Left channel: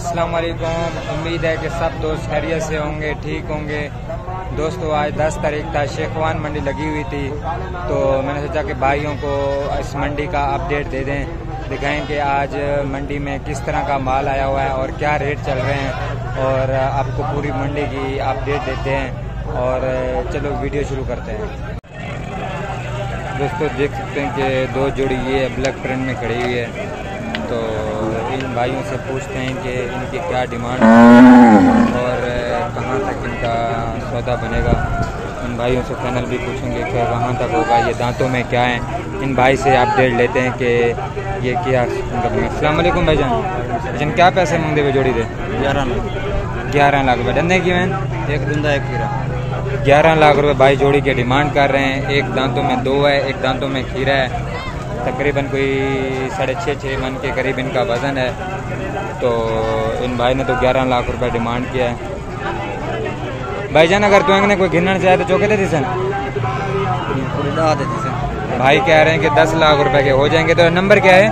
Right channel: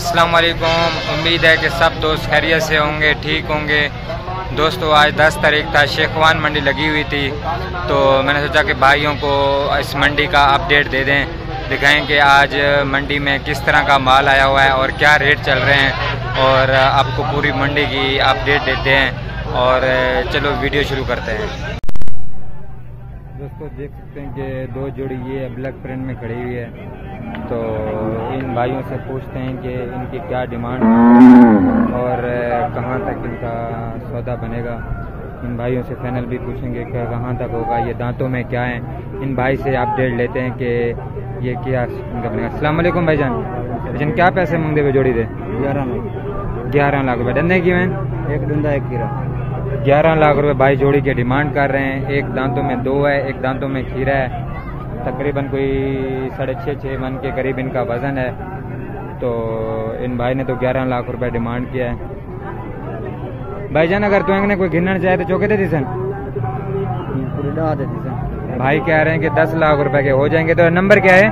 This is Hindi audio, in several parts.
अस्सलाम वालेकुम। उम्मीद है कि सब दोस्त खैरियत से होंगे, ठीक होंगे। दोस्तों आज 10 तारीख था, शेखवान मंडी लगी हुई थी, तो मैंने सोचा कि भाइयों को इस मंडी का अपडेट दे दें, दिखाएं कि आज मंडी में किस तरह का माल आया हुआ है और क्या रेट चल रहे हैं, और आपको पूरी मंडी की अपडेट देते हैं। और चलो वीडियो शुरू करते हैं। दोस्तों देख सकते हैं कि दो जोड़ी ये ब्लैक प्रिंट में खड़ी हुई है, तो इन भाइयों से पूछते हैं कि इनकी क्या डिमांड है और कहाँ तक इनका सौदा बनेगा। इन भाइयों से फाइनल भी पूछेंगे कि कहाँ तक होगा, ये दांतों में क्या है। इन भाई से अपडेट लेते हैं कि ये क्या इनका बनेगा। अस्सलाम वालेकुम भाईजान। भाईजान क्या पैसे मांगते हुए जोड़ी दे? 11 लाख रुपये। डंडे की मैन एक धंधा एक खीरा। 11 लाख रुपए भाई जोड़ी के डिमांड कर रहे हैं। एक दांतों में 2 है, एक दांतों में खीरा है। तकरीबन कोई 6.5 मन के करीब इनका वज़न है। तो इन भाई ने तो 11 लाख रुपए डिमांड किया है। भाईजान अगर तो ने कोई गिनना चाहे तो चौके देती सन भाई कह रहे हैं कि 10 लाख रुपए के हो जाएंगे। तो नंबर क्या है?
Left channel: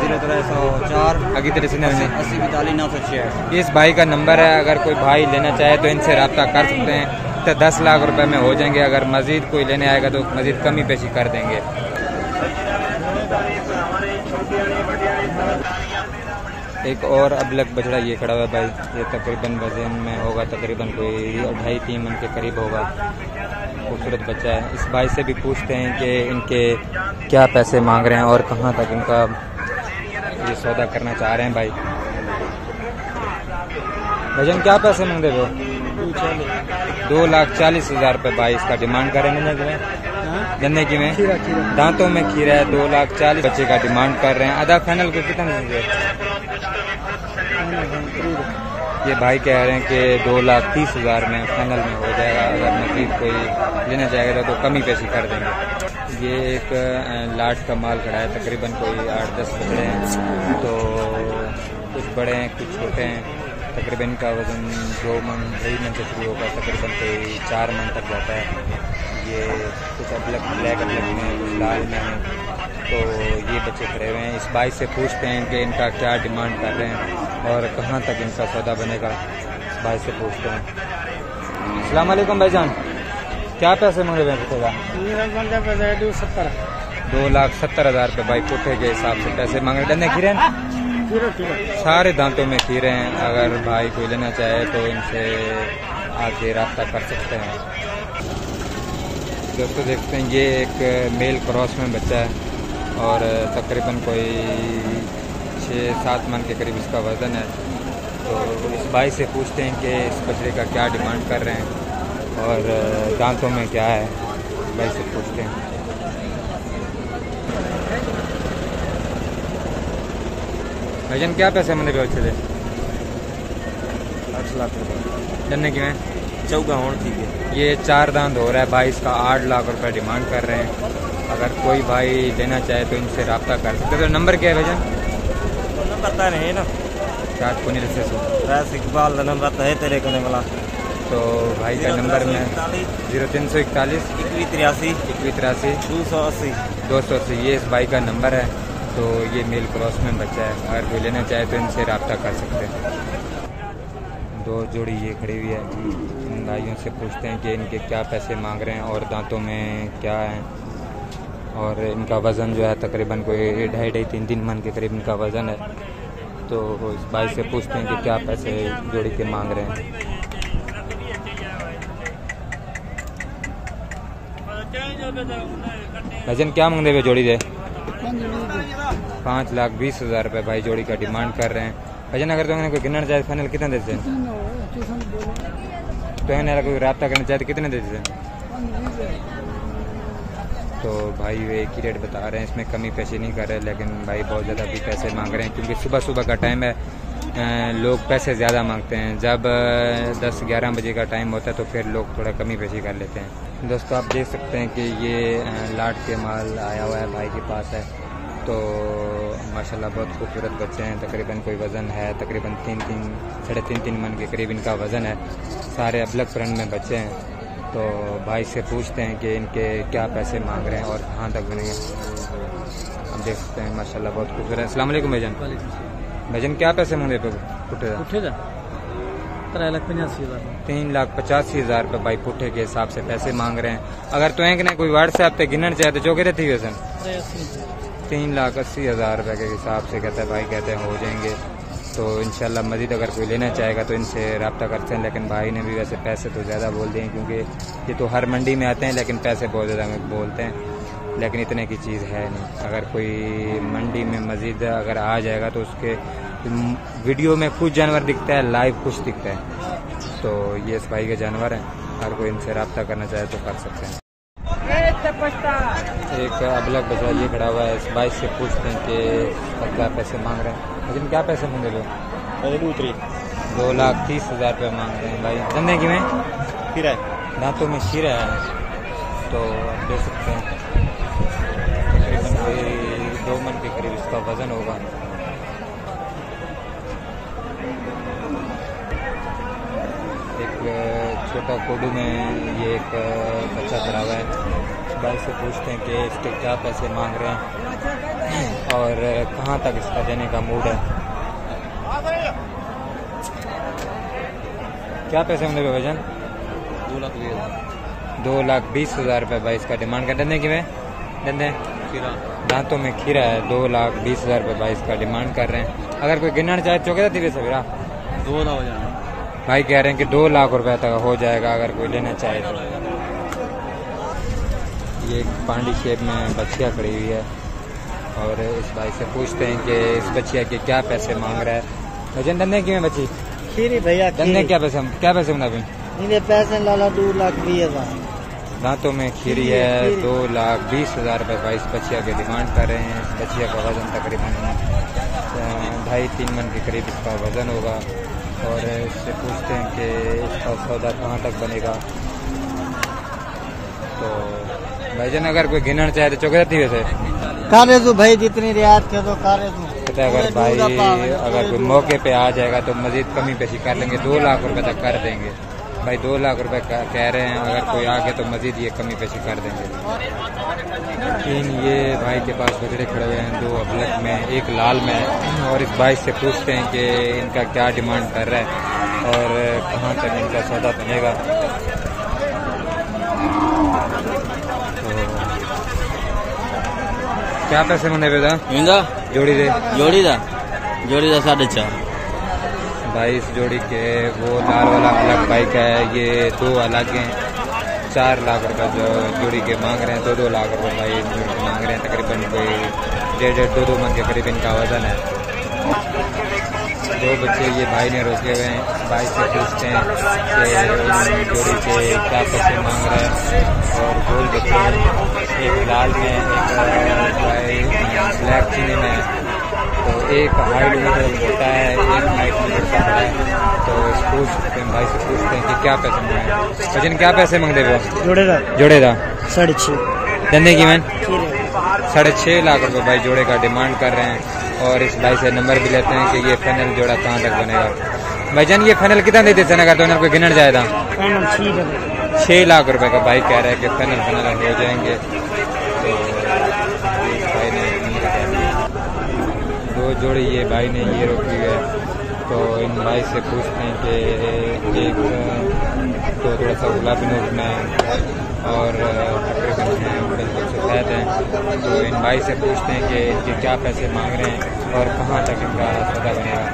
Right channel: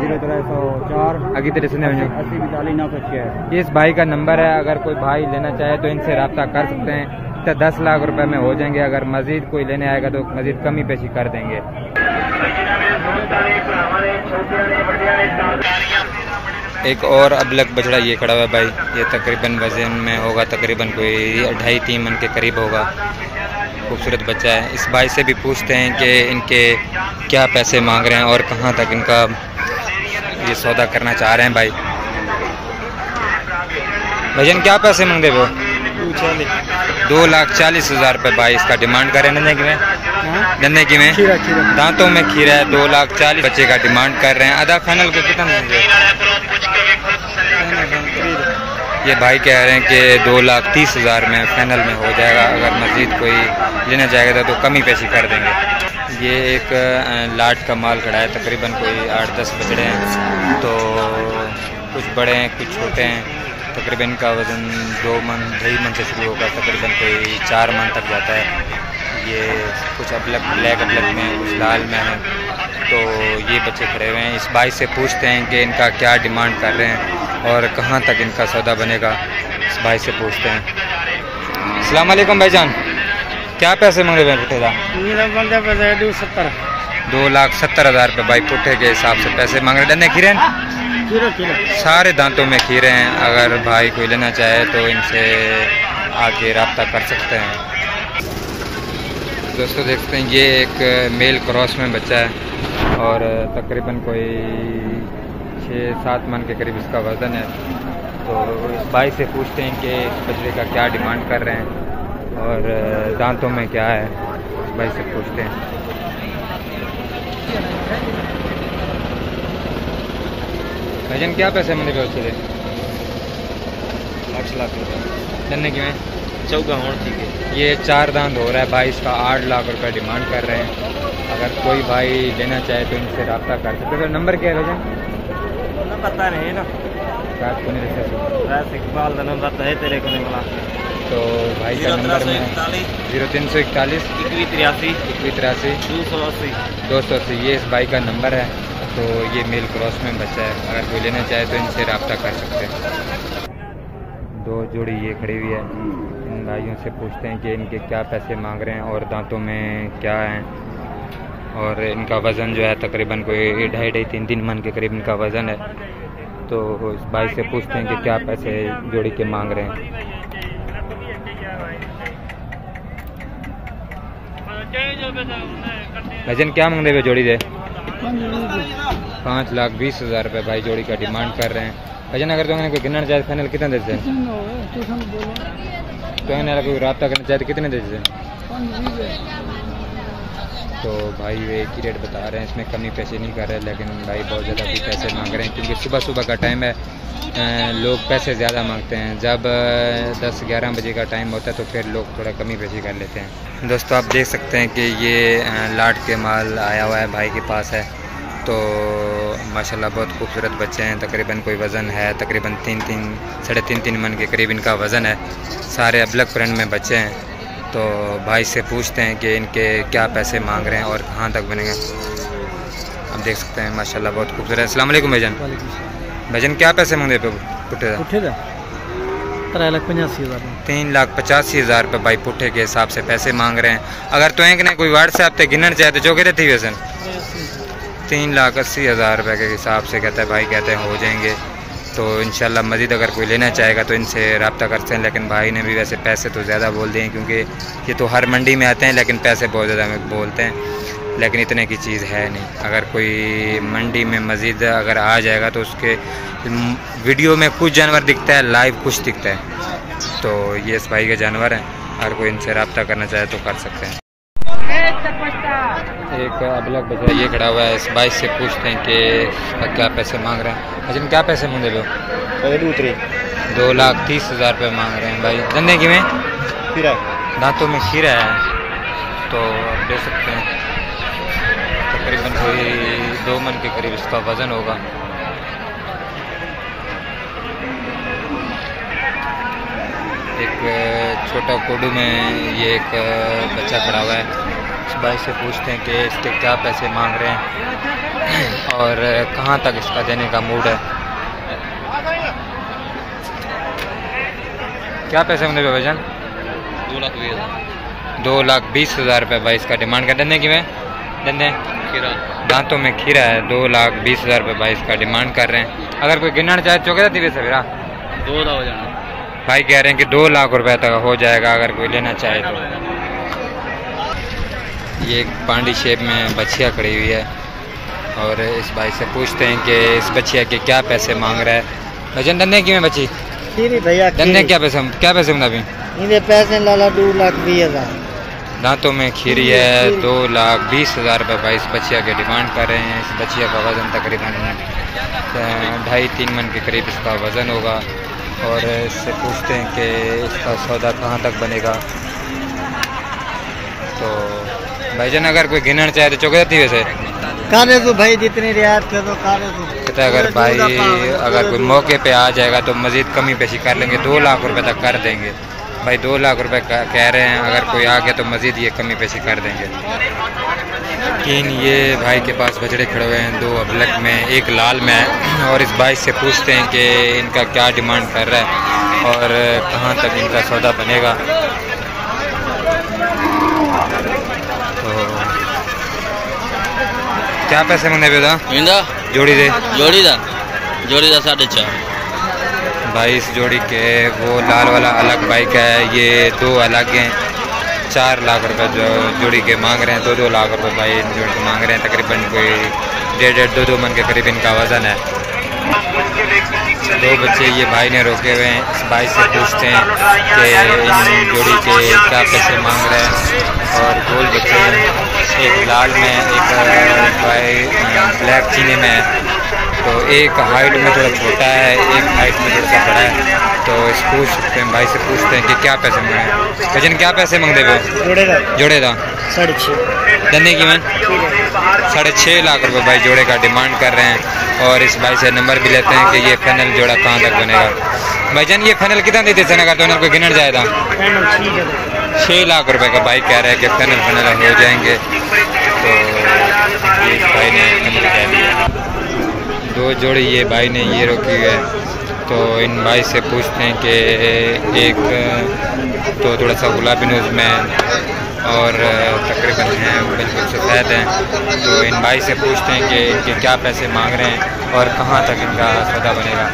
0304 आगे तेरे से 80 42 906। इस भाई का नंबर है, अगर कोई भाई लेना चाहे तो इनसे रब्ता कर सकते हैं। तो 10 लाख रुपए में हो जाएंगे। अगर मज़ीद कोई लेने आएगा तो मज़ीद कमी पेशी कर देंगे। एक और अबलक बछड़ा ये खड़ा हुआ है भाई, ये तकरीबन वज़न में होगा तकरीबन कोई 2.5-3 मन के करीब होगा। खूबसूरत बच्चा है। इस भाई से भी पूछते हैं कि इनके क्या पैसे मांग रहे हैं और कहाँ तक इनका ये सौदा करना चाह रहे हैं। भाई भजन क्या पैसे मांगते हो? 2,40,000 रुपये भाई इसका डिमांड कर रहे हैं। गन्ने की में दांतों में खीरा है। 2,40,000 बच्चे का डिमांड कर रहे हैं। आधा फाइनल को कितना देंगे? ये भाई कह रहे हैं कि 2,30,000 में फाइनल में हो जाएगा। अगर मज़ीद कोई लेना चाहेगा तो कमी पेशी कर देंगे। ये एक लाट का माल खड़ा है, तकरीबन कोई 8-10 बछड़े हैं, तो कुछ बड़े हैं कुछ छोटे हैं। तकरीबन इनका वज़न 2 मन 2.5 मन से शुरू होगा, तकरीबन कोई 4 मन तक जाता है। ये कुछ ब्लैक अबलक में, कुछ लाल में हैं, तो ये बच्चे खड़े हुए हैं। इस भाई से पूछते हैं कि इनका क्या डिमांड कर रहे हैं और कहाँ तक इनका सौदा बनेगा। इस भाई से पूछते हैं। अस्सलाम वालेकुम भाईजान, क्या पैसे मांग रहे हैं पुट्ठे का? 2,70,000 रुपये भाई पुट्ठे के हिसाब से पैसे मांग रहे। डंडे खीरे सारे दांतों में खीरे हैं। अगर भाई कोई लेना चाहे तो इनसे आके रब्ता कर सकते हैं। दोस्तों देखते हैं ये एक मेल क्रॉस में बच्चा है और तकरीबन कोई 6-7 मन के करीब इसका वज़न है। तो इस भाई से पूछते हैं कि इस बछड़े का क्या डिमांड कर रहे हैं और दांतों में क्या है। इस भाई से पूछते हैं। भाईजान क्या पैसे मंदिर पे अच्छे थे? 8 लाख रुपये। डरने की में चौका होना ठीक है। ये 4 दांत हो रहा है भाई, इसका 8 लाख रुपए डिमांड कर रहे हैं। अगर कोई भाई लेना चाहे तो इनसे रब्ता कर सकते। तो नंबर क्या है भाईजान? पता नहीं ना, रात को नहीं रसे इकबाल का नंबर है तेरे करने वाला। तो भाई का नंबर में 0341 2183 280 ये इस भाई का नंबर है। तो ये मेल क्रॉस में बच्चा है, अगर कोई लेना चाहे तो इनसे रब्ता कर सकते हैं। 2 जोड़ी ये खड़ी हुई है। इन भाइयों से पूछते हैं कि इनके क्या पैसे मांग रहे हैं और दांतों में क्या है, और इनका वज़न जो है तकरीबन कोई 2.5-3 मन के करीब इनका वज़न है। तो इस भाई से पूछते हैं कि क्या पैसे जोड़ी के मांग रहे हैं। भाईजान क्या मांगते हुए जोड़ी दे? 5,20,000 रुपये भाई जोड़ी का डिमांड कर रहे हैं। भाईजान अगर तो कोई गिनना चाहे फाइनल कितना देते हैं? तो कोई रब्ता करना चाहे तो कितने देते हैं? तो भाई वे एक ही रेट बता रहे हैं, इसमें कमी पेशी नहीं कर रहे, लेकिन भाई बहुत ज़्यादा भी पैसे मांग रहे हैं क्योंकि सुबह का टाइम है। लोग पैसे ज़्यादा मांगते हैं। जब 10-11 बजे का टाइम होता है तो फिर लोग थोड़ा कमी पेशी कर लेते हैं। दोस्तों आप देख सकते हैं कि ये लाट के माल आया हुआ है भाई के पास है। तो माशाल्लाह बहुत खूबसूरत बच्चे हैं। तकरीबन कोई वज़न है तकरीबन 3-3 मन के करीब इनका वज़न है। सारे अबलक प्रिंट में बच्चे हैं। तो भाई से पूछते हैं कि इनके क्या पैसे मांग रहे हैं और कहाँ तक बनेंगे। आप देख सकते हैं माशाल्लाह बहुत खूबसूरत है। अस्सलाम वालेकुम भाईजान। भाईजान क्या पैसे मांग रहे पे? पुट्ठे का? पुट्ठे का 3,85,000 3,85,000 रुपये भाई पुट्ठे के हिसाब से पैसे मांग रहे हैं। अगर तो एक ने कोई व्हाट्सएप पे गिनना चाहे तो जो कहते थी वैसे 3,80,000 रुपये के हिसाब से कहता है भाई, कहते हैं हो जाएंगे। तो इंशाल्लाह मज़ीद अगर कोई लेना चाहेगा तो इनसे रब्ता करते हैं। लेकिन भाई ने भी वैसे पैसे तो ज़्यादा बोल दिए हैं, क्योंकि ये तो हर मंडी में आते हैं लेकिन पैसे बहुत ज़्यादा बोलते हैं, लेकिन इतने की चीज़ है नहीं। अगर कोई मंडी में मज़ीद अगर आ जाएगा तो उसके वीडियो में कुछ जानवर दिखता है, लाइव कुछ दिखता है। तो ये इस भाई के जानवर हैं, अगर कोई इनसे रब्ता करना चाहे तो कर सकते हैं। एक अबलग बचा ये खड़ा हुआ है, इस भाई से पूछते हैं कि क्या पैसे मांग रहे हैं। लेकिन क्या पैसे मांगे लो? 2,30,000 रुपये मांग रहे हैं भाई। धंधे की में दांतों में खीरा है, तो आप देख सकते हैं तकरीबन कोई 2 मन के करीब इसका वज़न होगा। एक छोटा कोडू में ये एक बच्चा खड़ा हुआ है। इस भाई से पूछते हैं कि इसके क्या पैसे मांग रहे हैं और कहाँ तक इसका देने का मूड है। क्या पैसे मांगे भाईजान? 2,20,000 रुपये भाई इसका डिमांड कर। धंधे की में धंधे दांतों में खीरा है, 2,20,000 रुपये भाई इसका डिमांड कर रहे हैं। अगर कोई गिनना चाहे चौके थी वैसे मेरा 2 लाख हो जाना भाई, कह रहे हैं कि 2 लाख रुपए तक हो जाएगा अगर कोई लेना चाहे तो। ये एक पांडी शेप में बछिया खड़ी हुई है और इस भाई से पूछते हैं कि इस बछिया के क्या पैसे मांग रहा है। भजन धंधे की में बची भैया धंधे क्या पैसे होंगे अभी? पैसे लाला 2,20,000 दांतों में खीरी है, 2,20,000 रुपये भाई इस बछिया के डिमांड कर रहे हैं। इस बछिया का वज़न तकरीबन 2.5-3 मन के करीब इसका वज़न होगा। और इससे पूछते हैं कि इसका सौदा कहाँ तक बनेगा। तो भाईजान अगर कोई गिनना चाहे तो चौके थी वैसे कारे जो भाई जितनी रियायत कर दो कारे जो कहता है अगर भाई अगर कोई मौके पे आ जाएगा तो मज़ीद कमी पेशी कर लेंगे, 2 लाख रुपए तक कर देंगे भाई। 2 लाख रुपए कह रहे हैं, अगर कोई आ गया तो मज़ीद ये कमी पेशी कर देंगे। लेकिन ये भाई के पास बछड़े खड़े हुए हैं, 2 अबलग में एक लाल में है। और इस भाई से पूछते हैं कि इनका क्या डिमांड कर रहा है और कहाँ तक इनका सौदा बनेगा। तो क्या पैसे मांगे बेटा? जोड़ी दे 4.5 भाई इस जोड़ी के वो लाल वाला अलग बाइक है, ये 2 अलग हैं। 4 लाख रुपए जो जोड़ी के मांग रहे हैं, 2-2 लाख रुपए भाई जोड़ी मांग रहे हैं। तकरीबन कोई 1.5-2 मन के करीब इनका वज़न है। 2 बच्चे ये भाई ने रोके हुए हैं। इस भाई से पूछते हैं कि इन जोड़ी के क्या पैसे मांग रहे हैं। और गोल बच्चे हैं, एक लाल में एक भाई ब्लैक चीनी में है। तो एक हाइट में थोड़ा छोटा है, एक हाइट में थोड़ा सा बड़ा है। तो इस पूछ सकते हैं भाई से पूछते हैं कि क्या पैसे मांगे। भजन क्या पैसे मांगते हो? जोड़े का 6.5 धंधे की मैन 6.5 लाख रुपए भाई जोड़े का डिमांड कर रहे हैं। और इस भाई से नंबर भी लेते हैं कि ये फाइनल जोड़ा कहाँ तक बनेगा। भाईजान ये फाइनल कितना देते सेना का तो कोई गिनर जाएगा? 6 लाख रुपए का भाई कह रहा है कि फाइनल हो जाएंगे। तो ये भाई ने फाइनल कह दिया। 2 जोड़ी ये भाई ने ये रोकी हुई है। तो इन भाई से पूछते हैं कि एक तो थोड़ा सा गुलाबी नोज में और तकरीबन हैं बिल्कुल सफ़ेद हैं। तो इन भाई से पूछते हैं कि इनके क्या पैसे मांग रहे हैं और कहाँ तक इनका सौदा बनेगा।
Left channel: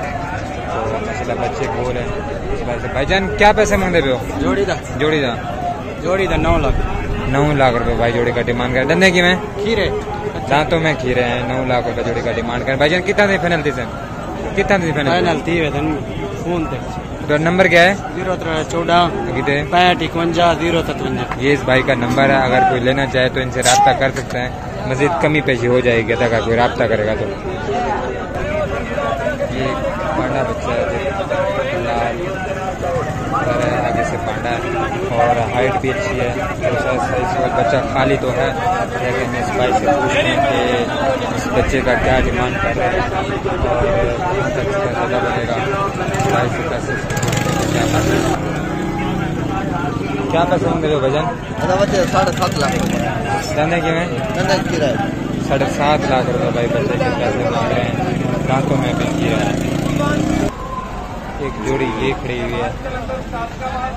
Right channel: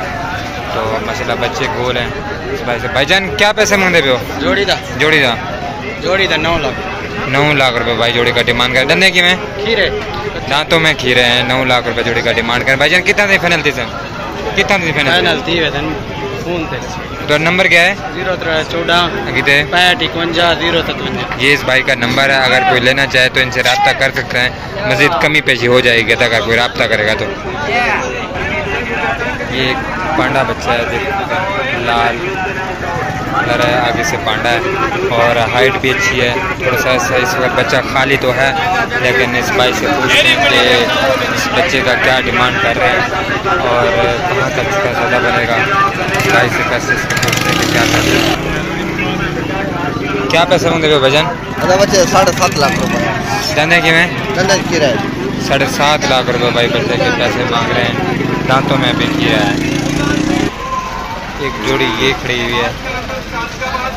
तो माशाल्लाह बच्चे गोल हैं। इस भाई से भाईजान क्या पैसे मांगते पे हो? जोड़ी दा 9 लाख रुपए भाई जोड़ी का डिमांड कर। धंधे की में खीरे दांतों में खीरे हैं, 9 लाख रुपए जोड़ी का डिमांड कर। भाईजान कितना थी फाइनल थी सर? कितना थी फाइनल? तो नंबर क्या है? 014 ये इस भाई का नंबर है। अगर कोई लेना चाहे तो इनसे रब्ता कर सकते हैं, मज़ीद कमी पेशी हो जाएगी अगर कोई रब्ता करेगा तो। ये एक पांडा बच्चा है, लाल कलर है, आगे से पांडा है और हाइट भी अच्छी है। थोड़ा सा इस वक्त बच्चा खाली तो है, लेकिन इस भाई से पूछते हैं कि इस बच्चे का क्या डिमांड कर रहे हैं और कहाँ तक इसका सौदा बनेगा। भाई से पैसे पूछते हैं कि क्या पैसे मांगे हो भजन? बच्चे 7.5 लाख रुपए धंधे की में 7.5 लाख रुपए भाई बच्चे के पैसे मांग रहे हैं। दांतों में भी किया है। एक जोड़ी ये खड़ी हुई है,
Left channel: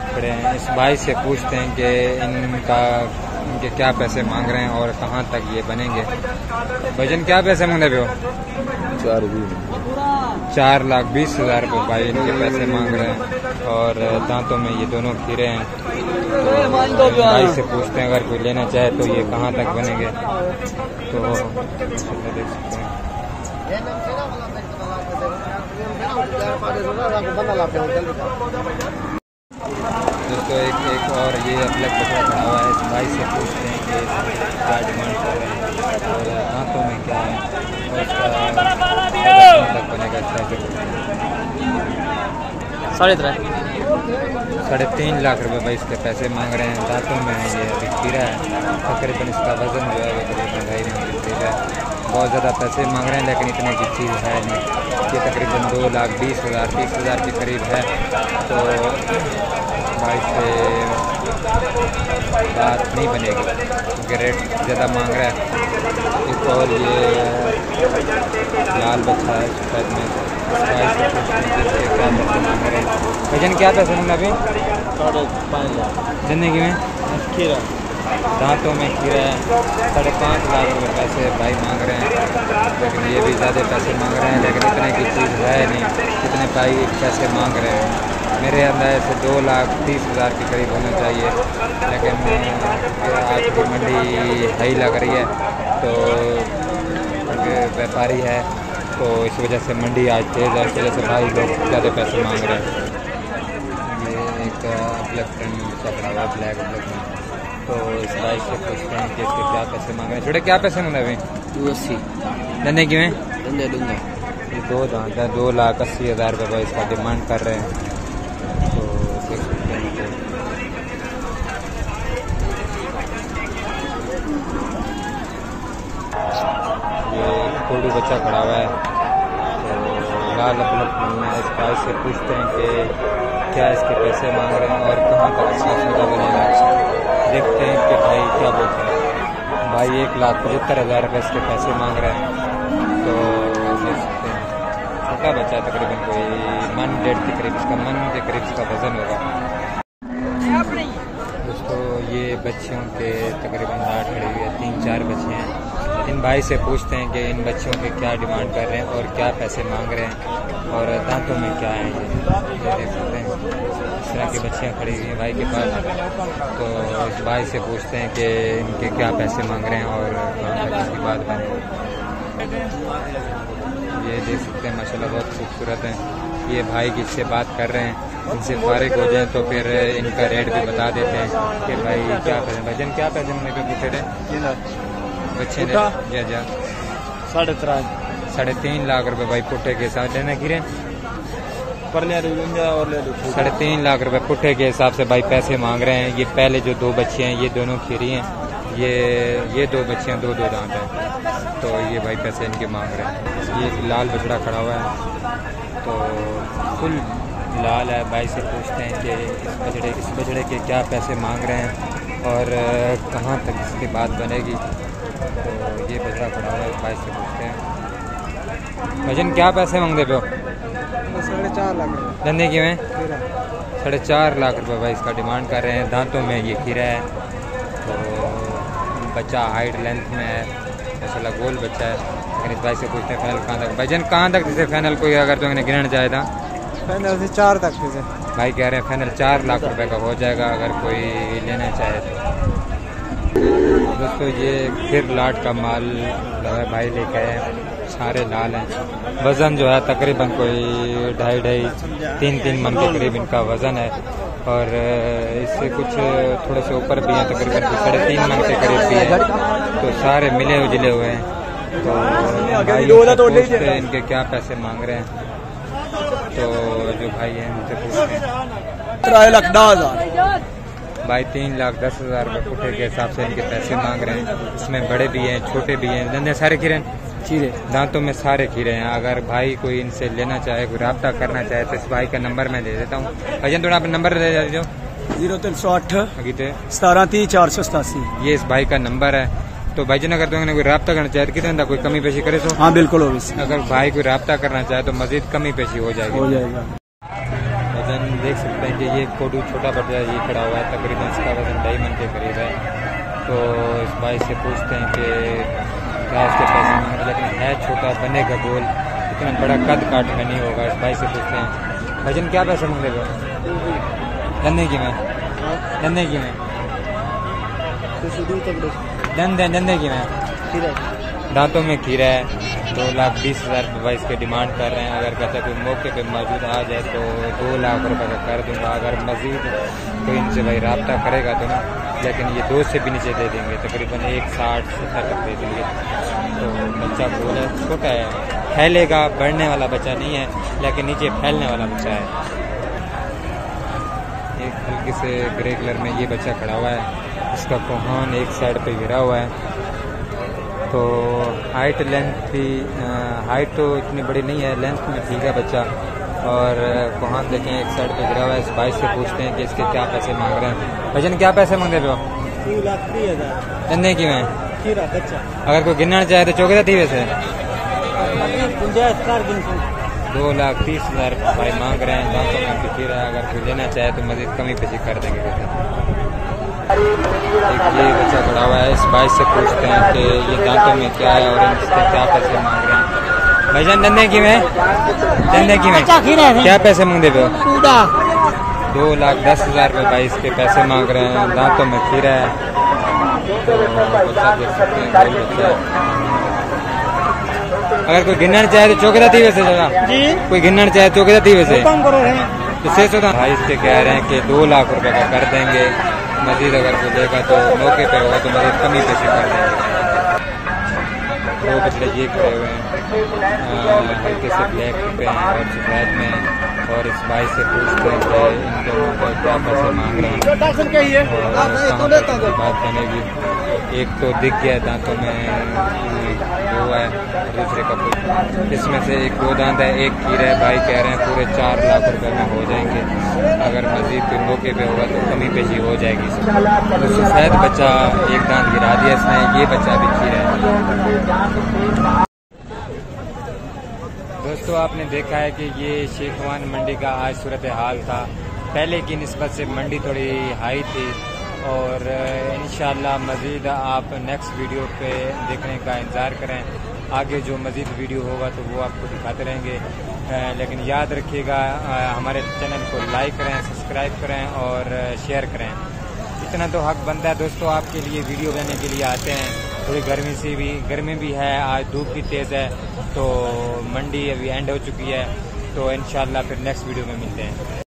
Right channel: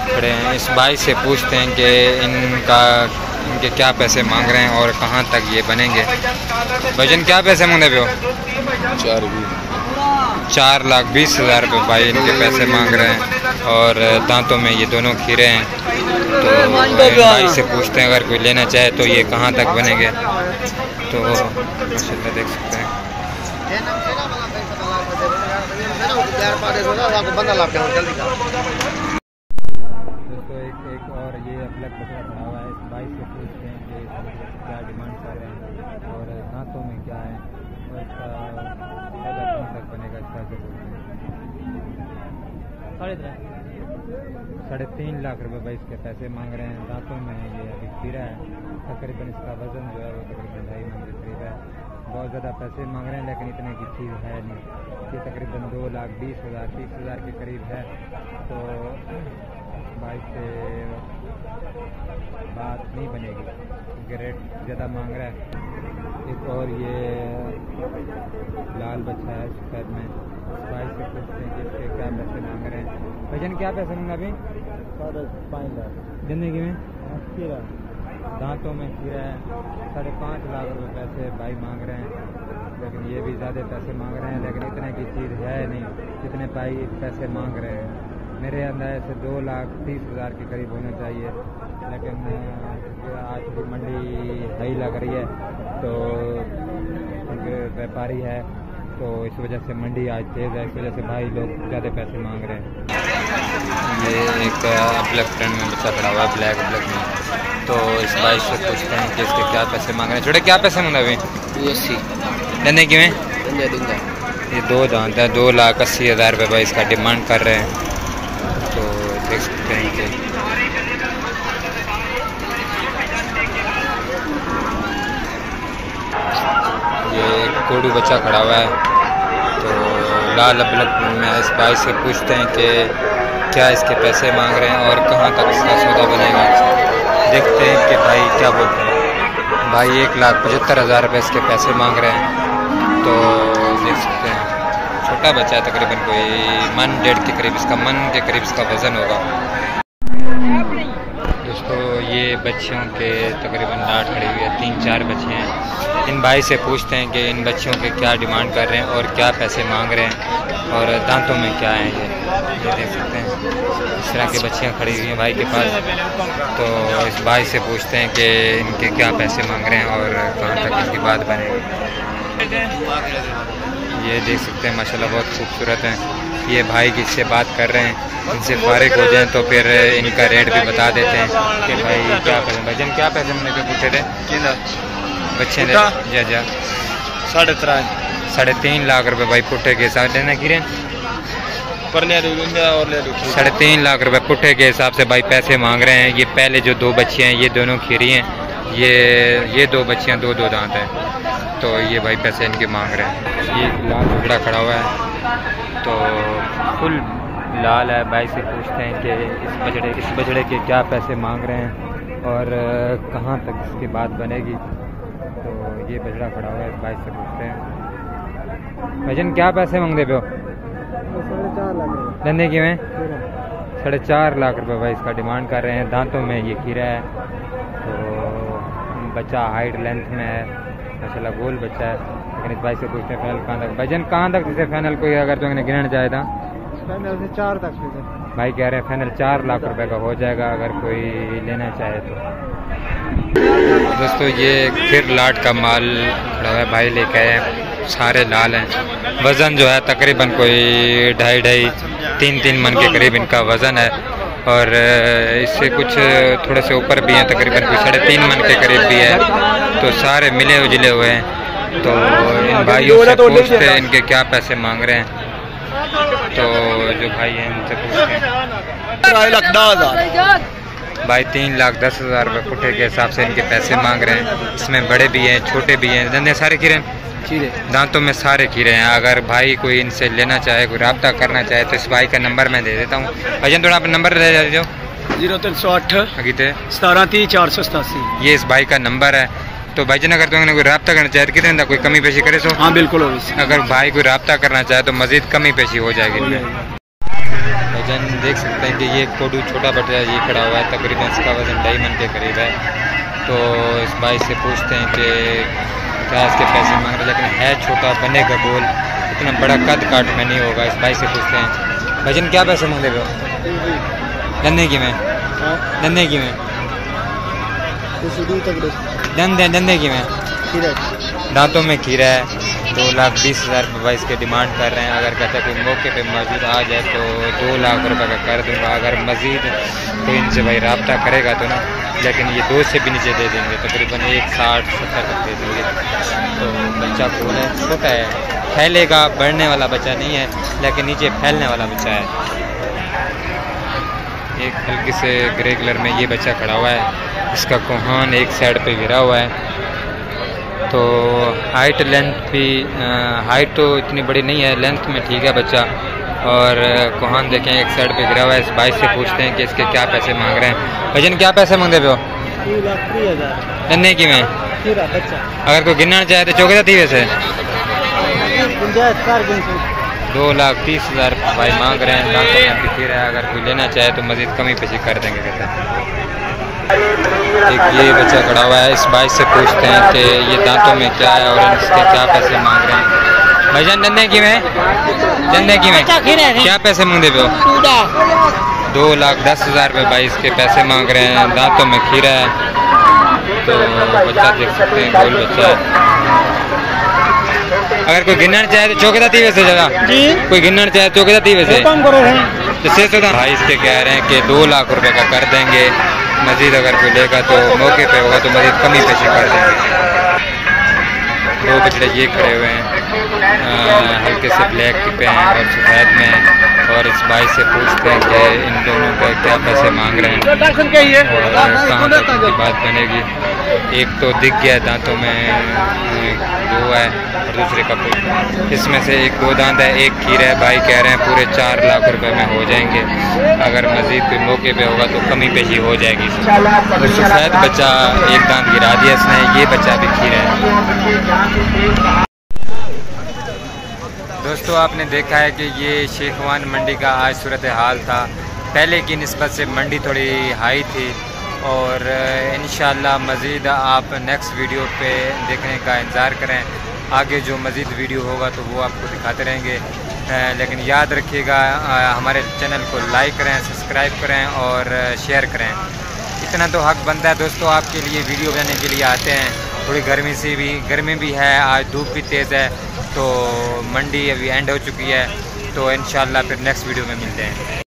खड़े हैं। इस भाई से पूछते हैं कि इनके क्या पैसे मांग रहे हैं और कहाँ तक ये बनेंगे। भजन क्या पैसे मांगने पे हो? 4,20,000 रुपये भाई इनके पैसे मांग रहे हैं। और दांतों में ये दोनों खीरे हैं। तो भाई से पूछते हैं अगर कोई लेना चाहे तो ये कहाँ तक बनेंगे। तो माशाल्लाह देख सकते हैं। दोस्तों एक और ये ब्लैक बकरा खड़ा हुआ है। इस भाई से पूछते हैं कि क्या डिमांड कर रहे हैं और दांतों में क्या है और इसका तक बनेगा। 3.5 लाख रुपए भाई इसके पैसे मांग रहे हैं। दांतों में ये अभी खीरा है, तकरीबन इसका वज़न जो है वो तकरीबन 2.5 मन की चीज़ है। बहुत ज़्यादा पैसे मांग रहे हैं लेकिन इतने की चीज़ है नहीं। ये तकरीबन 2,20,000 30,000 के करीब है। तो भाई से बात नहीं बनेगी क्योंकि रेट ज़्यादा मांग रहा है। एक और ये लाल बच्चा है सफेद में। भाई से पूछते हैं जिसके क्या पैसे मांग रहे हैं। भजन क्या पैसे मांगा अभी? 5.5 लाख। ज़िंदगी में खीरा, दांतों में खीरा है। 5.5 लाख रुपये पैसे भाई मांग रहे हैं लेकिन ये भी ज़्यादा पैसे मांग रहे हैं लेकिन इतने की चीज़ है नहीं जितने भाई पैसे मांग रहे हैं। मेरे अंदाज़े से 2,30,000 के करीब होना चाहिए लेकिन आज की मंडी सही लग रही है तो व्यापारी है तो इस वजह से मंडी आज तेज़ है। इस वजह से भाई लोग ज़्यादा पैसे मांग रहे हैं। ये एक ब्लैक फ्रेंड में बच्चा खड़ा हुआ है, ब्लैक में। तो इस भाई से पूछते हैं कि इसके क्या पैसे मांग रहे हैं। छोटे क्या पैसे मांगा अभी? 80 लेने की में देंगे। ये 2 दांत है। 2,80,000 रुपये भाई इसका डिमांड कर रहे हैं। तो देख सकते हैं कि ये कोडू बच्चा खड़ा हुआ है। तो लाल ब्लैक में इस भाई से पूछते हैं कि क्या इसके पैसे मांग रहे हैं और कहाँ तक इसका सौदा बनेगा। देखते हैं कि भाई क्या बोलते हैं। भाई 1,75,000 रुपये इसके पैसे मांग रहे हैं। तो देख सकते हैं छोटा बच्चा है, तकरीबन कोई 1.5 के करीब इसका वज़न होगा। दोस्तों ये बच्चियों के तकरीबन लाट खड़ी हुई है, 3-4 बच्चे हैं। इन भाई से पूछते हैं कि इन बच्चियों के क्या डिमांड कर रहे हैं और क्या पैसे मांग रहे हैं और दांतों में क्या है। ये देख सकते हैं इस तरह की बच्चियाँ खड़ी हुई हैं भाई के पास। तो इस भाई से पूछते हैं कि इनके क्या पैसे मांग रहे हैं और कहाँ तक इनकी बात बनेगी। ये देख सकते हैं माशाल्लाह बहुत खूबसूरत हैं। ये भाई किससे बात कर रहे हैं, इनसे फारिग हो जाएं तो फिर इनका रेट भी बता देते हैं कि भाई क्या पैसे। भजन क्या पैसे हमने पे पूछे थे बच्चे ने? जा 3.5 लाख रुपए भाई पुट्ठे के हिसाब से लेना गिरे। 3.5 लाख रुपए पुट्ठे के हिसाब से भाई पैसे मांग रहे हैं। ये पहले जो 2 बच्चे हैं ये दोनों खीरी हैं। ये 2 बच्चियाँ 2 दांत हैं। तो ये भाई पैसे इनके मांग रहे हैं। ये लाल बकरा खड़ा हुआ है तो फुल लाल है। भाई से पूछते हैं कि इस बछड़े के क्या पैसे मांग रहे हैं और कहाँ तक इसकी बात बनेगी। तो ये बछड़ा खड़ा हुआ है, भाई से पूछते हैं। भजन क्या पैसे मांगते पे हो? 4.5 लाख रुपये धंधे की में 4.5 लाख रुपये भाई इसका डिमांड कर रहे हैं। दांतों में ये खीरा है। तो बच्चा हाइट लेंथ में है माशाल्लाह, गोल बच्चा है। लेकिन इस भाई से पूछते हैं फाइनल कहाँ तक। भजन कहाँ तक जिसे फाइनल कोई अगर तो इन्हें गिनना चाहे था? फाइनल से 4 तक भाई कह रहे हैं फाइनल 4 लाख रुपए का हो जाएगा अगर कोई लेना चाहे तो। दोस्तों ये फिर लाट का माल खड़ा हुआ है, भाई लेके आए हैं। सारे लाल हैं। वज़न जो है तकरीबन कोई 2.5-3 मन के करीब इनका वज़न है और इससे कुछ थोड़े से ऊपर भी हैं, तकरीबन कोई 3.5 मन के करीब भी है। तो सारे मिले उजले हुए हैं। तो इन भाइयों से पूछते हैं इनके क्या पैसे मांग रहे हैं। तो जो भाई हैं उनसे पूछते हैं। भाई 3,10,000 रुपये पुट्ठे के हिसाब से इनके पैसे मांग रहे हैं। इसमें बड़े भी हैं छोटे भी हैं। धंधे सारे खीरे दांतों में सारे खीरे हैं। अगर भाई कोई इनसे लेना चाहे, कोई रब्ता करना चाहे तो इस भाई का नंबर मैं दे देता हूँ। भजन थोड़ा आप नंबर दे दो। 0308 1730 ये इस भाई का नंबर है। तो भाईजन अगर तुमने कोई रब्ता करना चाहे तो कितने कोई कमी पेशी करे सो? हाँ बिल्कुल। अगर भाई कोई रब्ता करना चाहे तो मजीद कमी पेशी हो जाएगी। वजन देख सकते हैं कि ये कोडू छोटा बच्चा ये खड़ा हुआ है, तकरीबन इसका वज़न 2.5 मन के करीब है। तो इस भाई से पूछते हैं कि क्या इसके पैसे मांग रहे, लेकिन है छोटा, बनेगा गोल, इतना बड़ा कद काट में नहीं होगा। इस भाई से पूछते हैं भजन क्या पैसे मांग रहे हो? धंधे की में धंधे की में धंधे की में दांतों में खीरा है। 2,20,000 रुपये भाई इसके डिमांड कर रहे हैं। अगर कहता कोई मौके पे मौजूद आ जाए तो 2 लाख रुपए का कर दूंगा। अगर मज़ीद कोई इनसे भाई रब्ता करेगा तो ना, लेकिन ये 2 से भी नीचे दे देंगे, तकरीबन 1,60-1,70 तक दे देंगे। तो बच्चा गोल है, छोटा है, फैलेगा, बढ़ने वाला बच्चा नहीं है, लेकिन नीचे फैलने वाला बच्चा है। एक हल्के से ग्रे कलर में ये बच्चा खड़ा हुआ है, इसका कोहान एक साइड पे गिरा हुआ है। तो हाइट लेंथ भी हाइट तो इतनी बड़ी नहीं है, लेंथ में ठीक है बच्चा। और कोहान देखें एक साइड पे गिरा हुआ है। इस भाई से पूछते हैं कि इसके क्या पैसे मांग रहे हैं। भजन क्या पैसे मांगते पे हो? 2,30,000 धन्ने की में बच्चा। अगर कोई गिनना चाहे तो चौके थी वैसे 2,30,000 भाई मांग रहे हैं। दांतों में अभी खीरा है, अगर कोई लेना चाहे तो मज़ीद कमी पेशी कर देंगे कहते हैं। एक ये बच्चा खड़ा हुआ है, इस भाई से पूछते हैं कि ये दांतों में क्या है और इसके क्या पैसे मांग रहे हैं। भाईजान धंधे की में क्या पैसे मांगते पे हो? 2,10,000 रुपये भाई इसके पैसे मांग रहे हैं। दांतों में खीरा है। तो बच्चा देख सकते हैं, गोल बच्चा है। अगर कोई गिनना चाहे तो चौकीदार थी वैसे जगह, कोई गिनना चाहे तो चौकीदार थी वैसे जिससे तो भाई इसके कह रहे हैं कि 2 लाख रुपए का कर देंगे। मज़ीद अगर कोई लेगा तो मौके पे होगा तो मज़ीद कमी पेशी कर देंगे। 2 बछड़े ये खड़े हुए हैं, हल्के से ब्लैक पे हैं और सफ़ेद में हैं। और इस भाई से पूछते हैं कि इन दोनों के क्या पैसे मांग रहे हैं और कहाँ तक इनकी बात बनेगी। एक तो दिख गया दांतों में 2 है और दूसरे का इसमें से एक 2 दांत है, एक खीरा है। भाई कह रहे हैं पूरे 4 लाख रुपए में हो जाएंगे। अगर मज़ीद कोई मौके पे होगा तो कमी पेशी हो जाएगी। तो सफ़ेद बच्चा एक दांत गिरा दिया इसने, ये बच्चा भी खीरा है। दोस्तों आपने देखा है कि ये शेखवान मंडी का आज सूरत हाल था। पहले की निस्बत से मंडी थोड़ी हाई थी और इंशाल्लाह मज़ीद आप नेक्स्ट वीडियो पे देखने का इंतज़ार करें। आगे जो मज़ीद वीडियो होगा तो वो आपको दिखाते रहेंगे। लेकिन याद रखिएगा हमारे चैनल को लाइक करें, सब्सक्राइब करें और शेयर करें। इतना तो हक बनता है दोस्तों, आपके लिए वीडियो बनाने के लिए आते हैं। थोड़ी गर्मी भी है, आज धूप भी तेज़ है। तो मंडी अभी एंड हो चुकी है, तो इंशाल्लाह फिर नेक्स्ट वीडियो में मिलते हैं।